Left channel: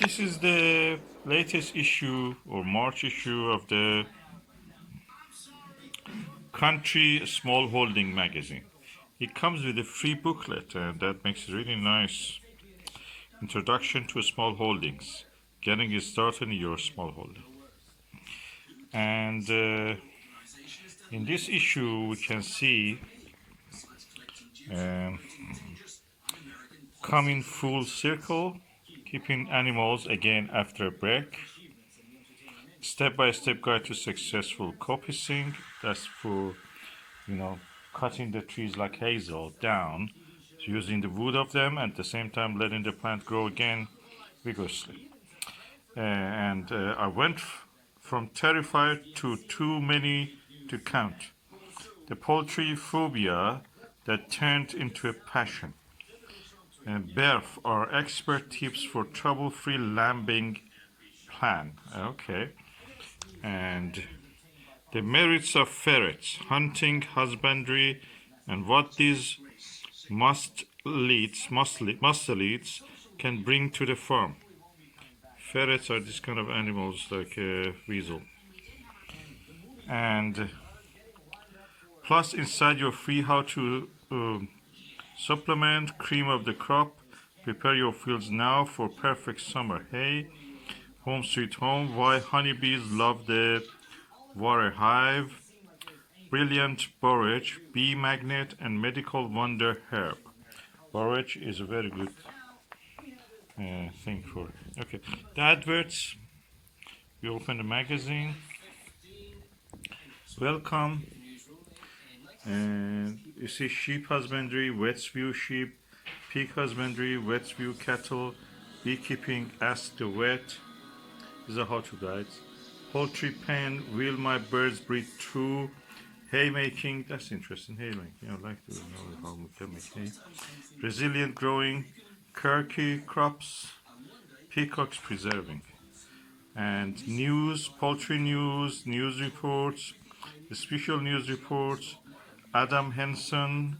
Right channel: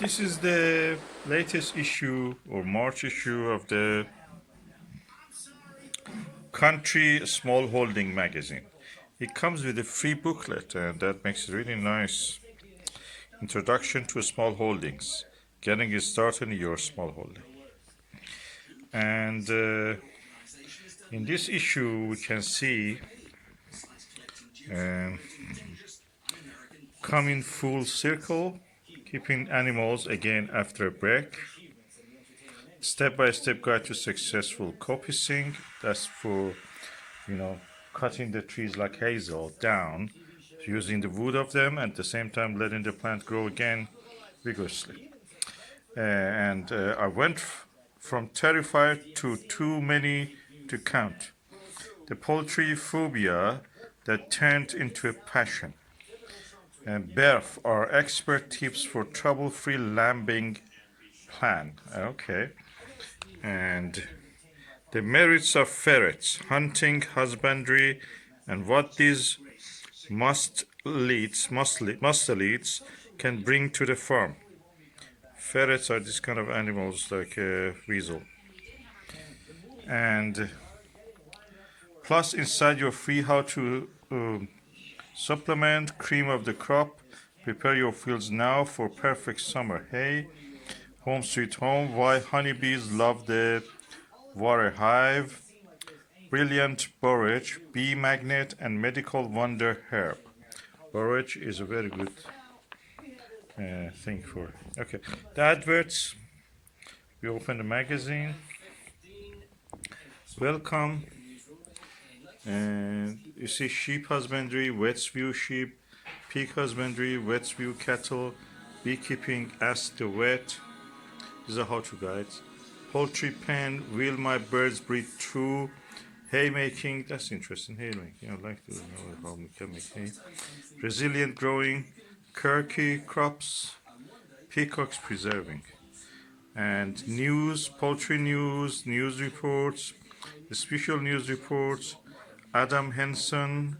This is the latest issue or March issue of the Country Smallholding magazine. It comes with a free booklet, and that makes it really nice. Introduction to Small Holdings, getting it started in your small holding. And in this issue, we can see coming full circle, keeping animals again after a break. Step-by-step guide to successful copicing. That's for, cutting the trees like hazel down, using the wood of them, and at the same time letting the plant grow again vigorously. I went from terrified to too many to count. The poultry phobia that turned into a passion. And Berf, our expert tips for trouble-free lambing plan. Okay. And the merits of ferrets, hunting, husbandry, and what these mustelids can bring to the farm. Ferrets are this kind of animals like a weasel. And plus inside your free how to supplement, cream of the crop, prepare your fields now for perfect summer hay, home sweet home, why honeybees love the water hive, brilliant borage, bee magnet, and medical wonder herb. Borage is a very good thing for. Okay, the adverts. We open the magazine. Welcome. And you see sheep husbandry, Wetsview sheep, pig husbandry, Wetsview cattle, beekeeping, ask the vet. These are how-to guides. Poultry pen, will my birds breed true? Haymaking, that's interesting. Haymaking, I'd like to know how we can make hay. Resilient growing, turkey crops, peacocks preserving. And news, poultry news, news reports, special news reports, Adam Henson,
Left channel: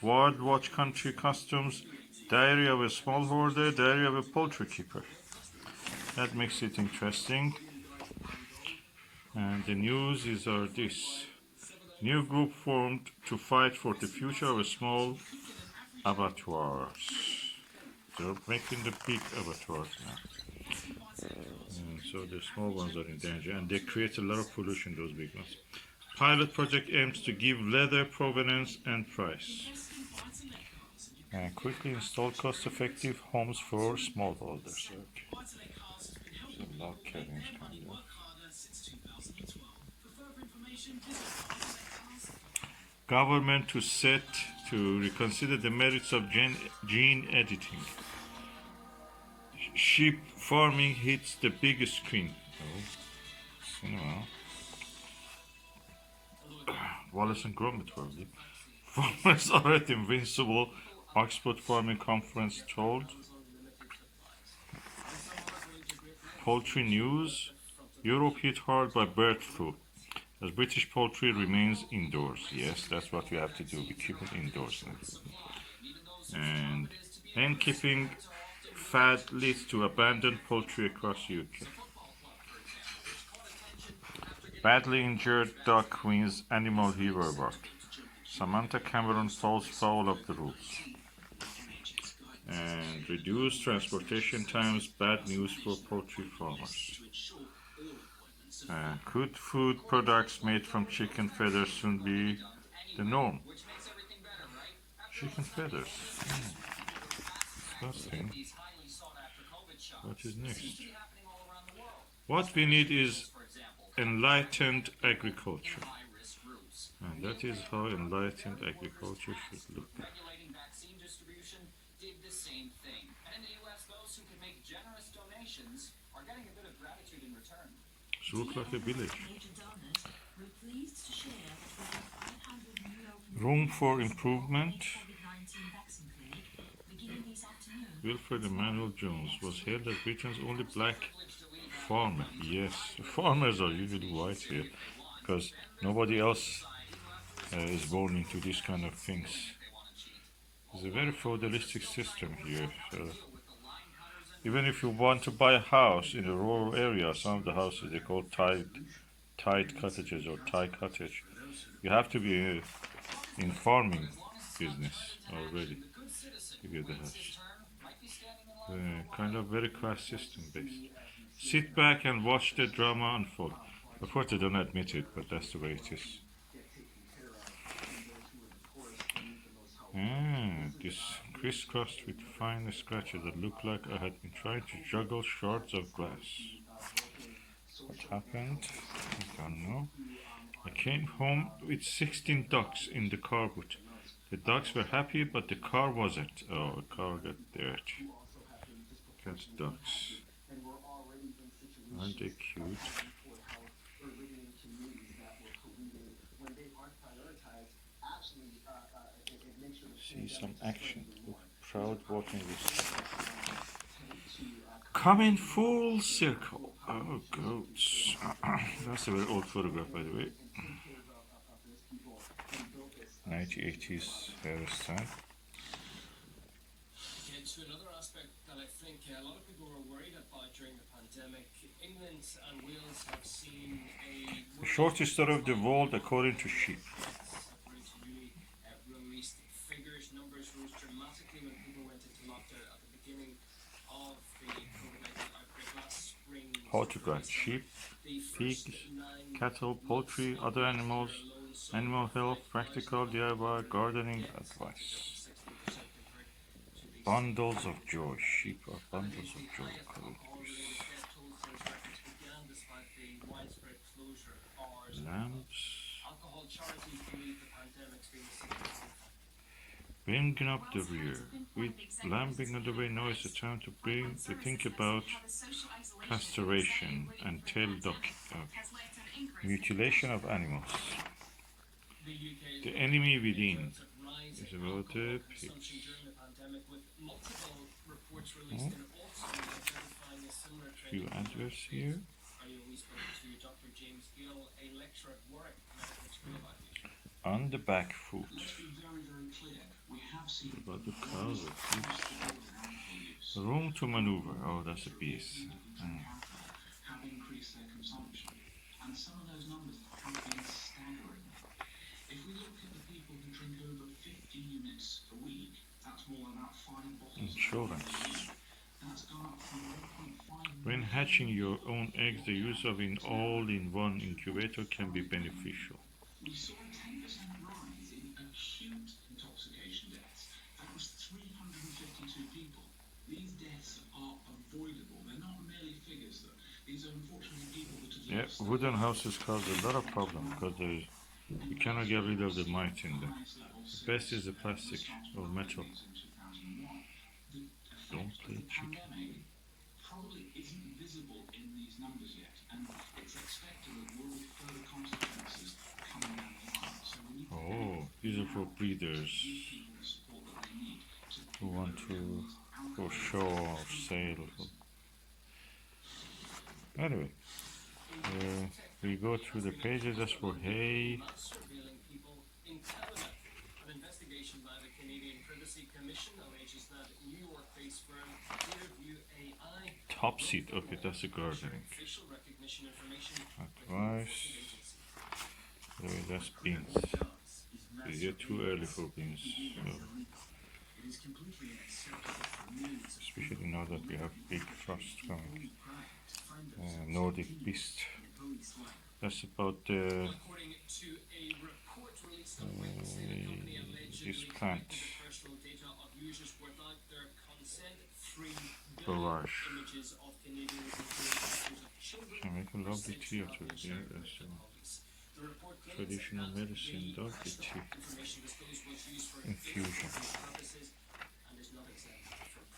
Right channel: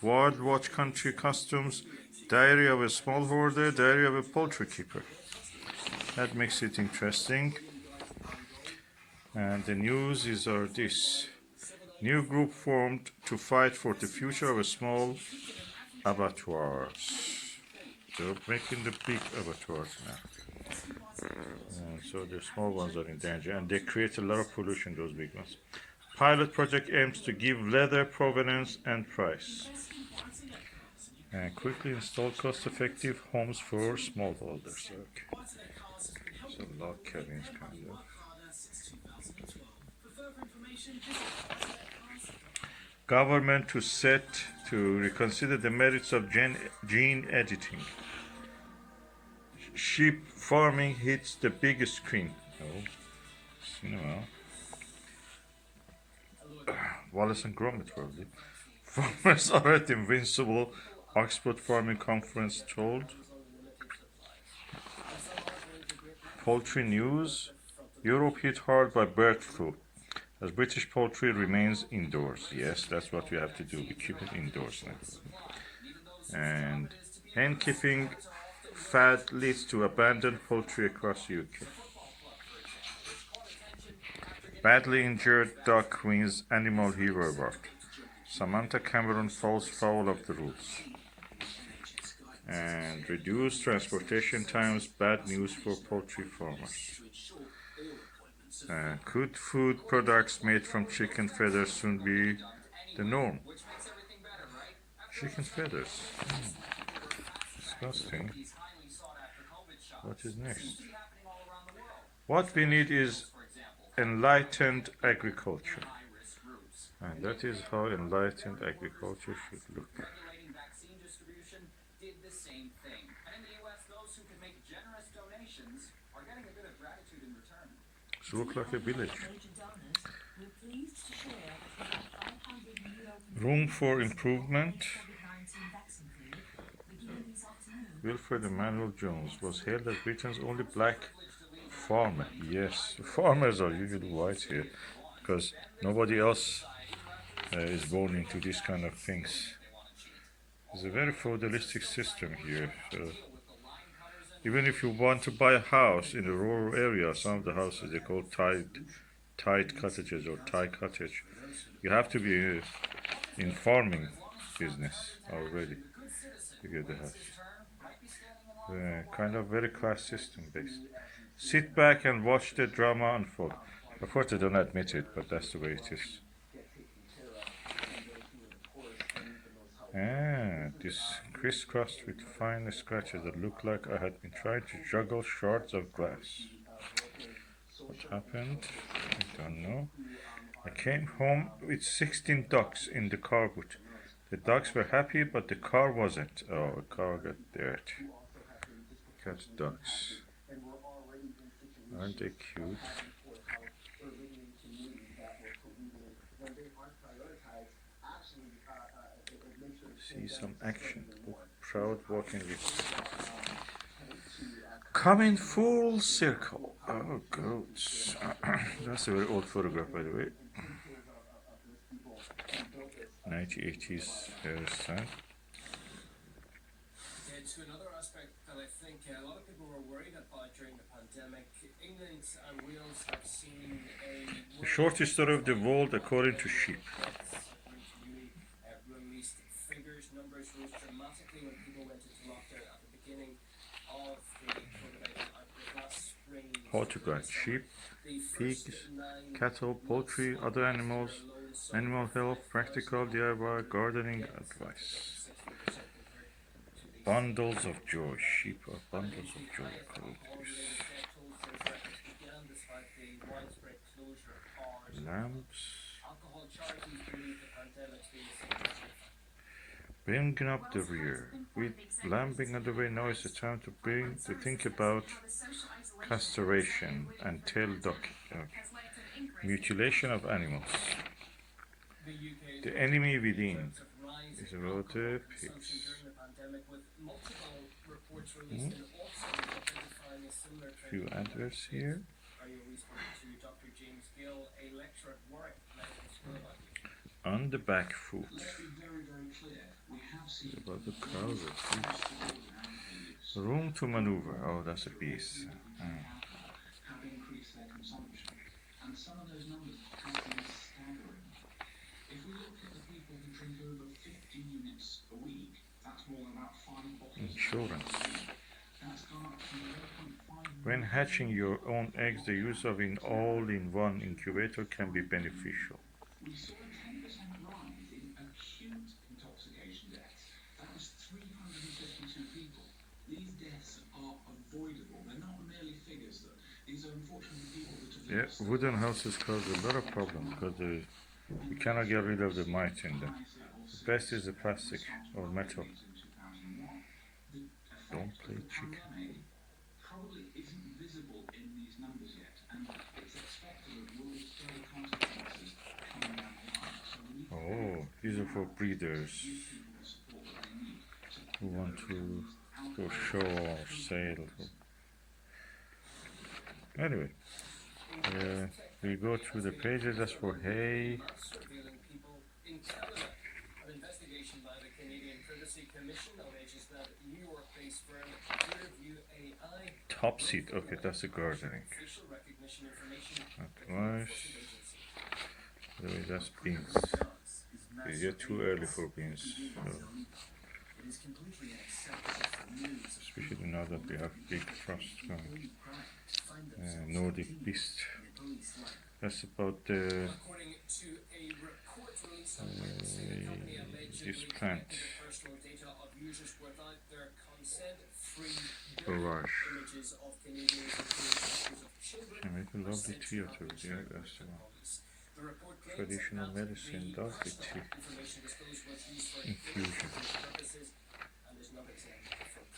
World Watch Country Customs, Diary of a Smallholder, Diary of a Poultry Keeper. That makes it interesting. And the news is this. New group formed to fight for the future of a small abattoirs. They're making the big abattoirs now. And so the small ones are in danger, and they create a lot of pollution, those big ones. Pilot project aims to give leather provenance and price. And quickly install cost-effective homes for smallholders. Okay. So log cabins kind of. Government to reconsider the merits of gene editing. Sheep farming hits the big screen. Wallace and Gromit probably. Farmers are at invincible. Oxford Farming Conference told. Poultry news. Europe hit hard by bird flu, as British poultry remains indoors. Yes, that's what we have to do. We keep it indoors now. And hen keeping fad leads to abandoned poultry across UK. Badly injured duck wins Animal Hero Award. Samantha Cameron falls foul of the rules. And reduced transportation times, bad news for poultry farmers. Could food products made from chicken feathers soon be the norm? Chicken feathers. Disgusting. What is next? What we need is enlightened agriculture. And that is how enlightened agriculture should look. It looks like a village. Room for improvement. Wilfred Emmanuel Jones was hailed as Britain's only black farmer. Yes, farmers are usually white here because nobody else is born into these kind of things. It's a very feudalistic system here. So Even if you want to buy a house in a rural area, some of the houses they call tied cottages or tie cottage. You have to be in farming business already to get the house. Kind of very class system based. Sit back and watch the drama unfold. Of course, they don't admit it, but that's the way it is. This crisscrossed with fine scratches that look like I had been trying to juggle shards of glass. What happened? I don't know. I came home with 16 ducks in the car boot. The ducks were happy, but the car wasn't. Oh, the car got dirt. Catch ducks. Aren't they cute? See some action. Look, proud walking with. Coming full circle. Oh, goats. That's a very old photograph, by the way. 1980s hairstyle. To another aspect that I think a lot of people were worried about during the pandemic, England and Wales have seen The shortest story of the world according to Sheep. Released figures, numbers rose dramatically when people went into lockdown at the beginning of the COVID-19 outbreak last spring. How to guide sheep, pigs, cattle, poultry, other animals, animal health, practical DIY, gardening advice. Bundles of joy. Sheep are bundles of joy. Lambs. Bringing up the rear. With lambing on the way, now is the time to think about castration and tail docking. Mutilation of animals. The enemy within is about the pigs. Few adverts here. On the back foot. It's about the cows or pigs. Room to maneuver. Oh, that's a beast. Have increased their consumption, and some of those numbers have been staggering. If we look at the people who drink over 50 units a week, that's more than about 5 bottles. Insurance. That's gone up from 1.5. When hatching your own eggs, the use of an all-in-one incubator can be beneficial. We saw a 10% rise in acute intoxication deaths. That was 352 people. These deaths are avoidable. They're not merely figures. These are unfortunately people that have wooden houses cause a lot of problems because you cannot get rid of the mite in them. The best is the plastic or metal. Don't play chicken. Probably isn't visible in these numbers yet, and it's expected that there will be further consequences coming down the line. So we need Oh, these are for breeders who want to for show or sale. Anyway, we go through the pages. That's for hay. Top seat. Okay, that's a gardening. Advice. That's beans. You're too early for beans. So. Especially now that we have big frost coming. Nordic beast. That's about this plant. Barrage. Can make a lovely tea out of it. Yeah, that's the one. Traditional medicine, doggy tea. Infusion.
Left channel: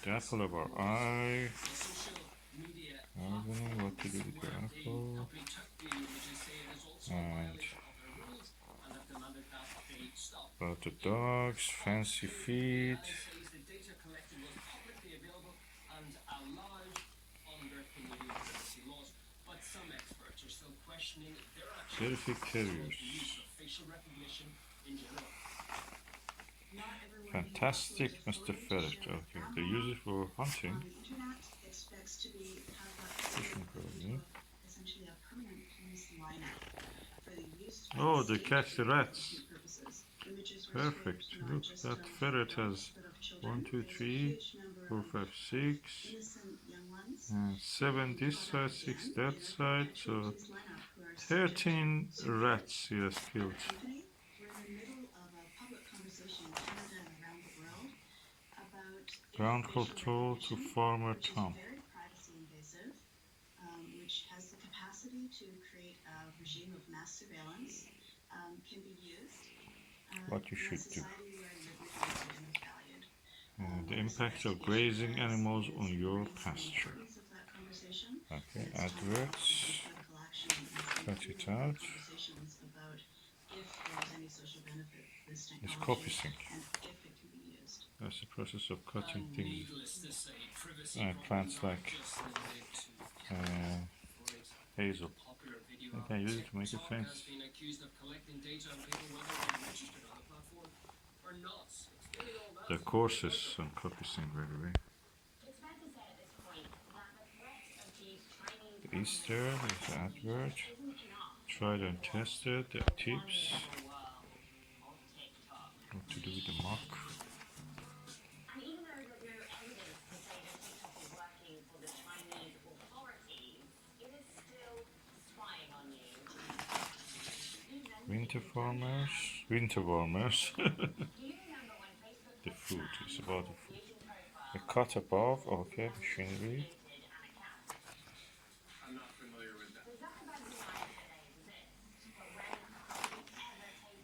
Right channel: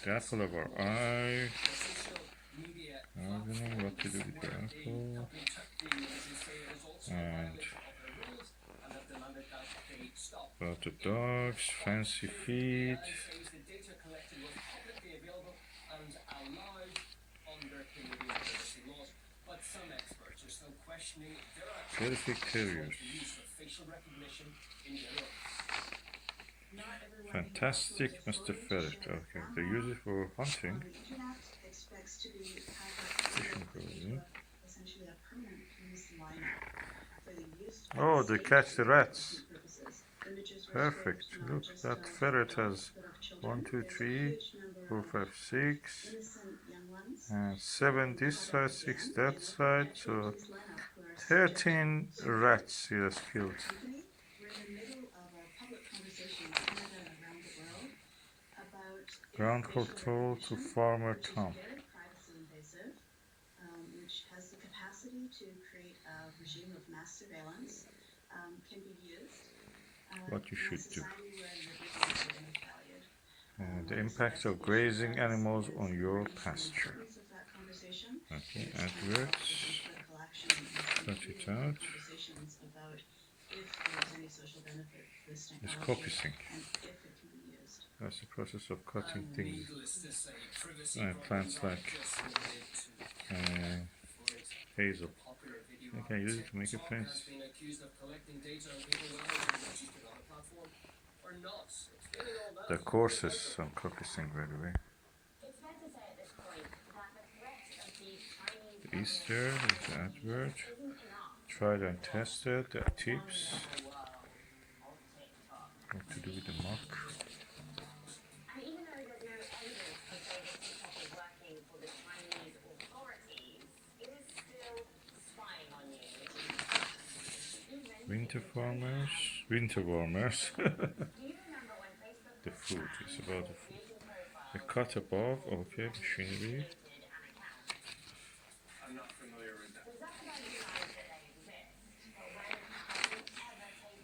The apple of our eye. I don't know what to do with the apple. And about the dogs, fancy feet. Terrific terriers. Fantastic Mr. Ferret. Okay, they use it for hunting. Oh, they catch the rats. Perfect. Look, that ferret has 1, 2, 3, 4, 5, 6, and 7 this side, 6 that side. So 13 rats he has killed. Ground control to Farmer Tom. Which has the capacity to create a regime of mass surveillance, can be used What you in a should do. society where liberty is very much valued. The impacts of grazing animals on your pasture. Okay, adverts. Cut it out. It's copy sync. That's the process of cutting things. Plants like hazel. You can use it to make a fence. The courses on copy sync, by the way. The Easter is the advert. Tried and tested. The tips. What to do with the mock. Winter farmers, winter warmers. The food is about the food. The cut above, okay, machinery. I'm not familiar with that.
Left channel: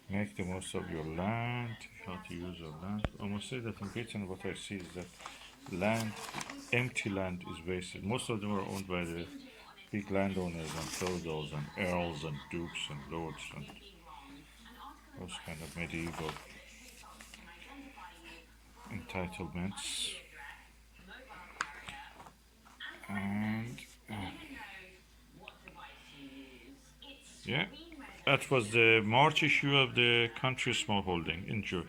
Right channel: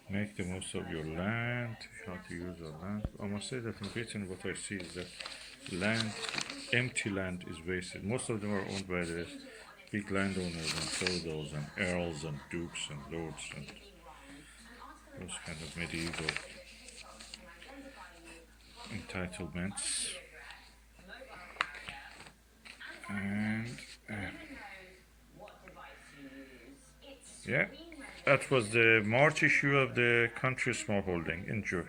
Make the most of your land, how to use your land. I must say that in Britain what I see is that land, empty land is wasted. Most of them are owned by the big landowners and feudals and earls and dukes and lords and those kind of medieval entitlements. And yeah, that was the March issue of the Country Smallholding. Enjoy.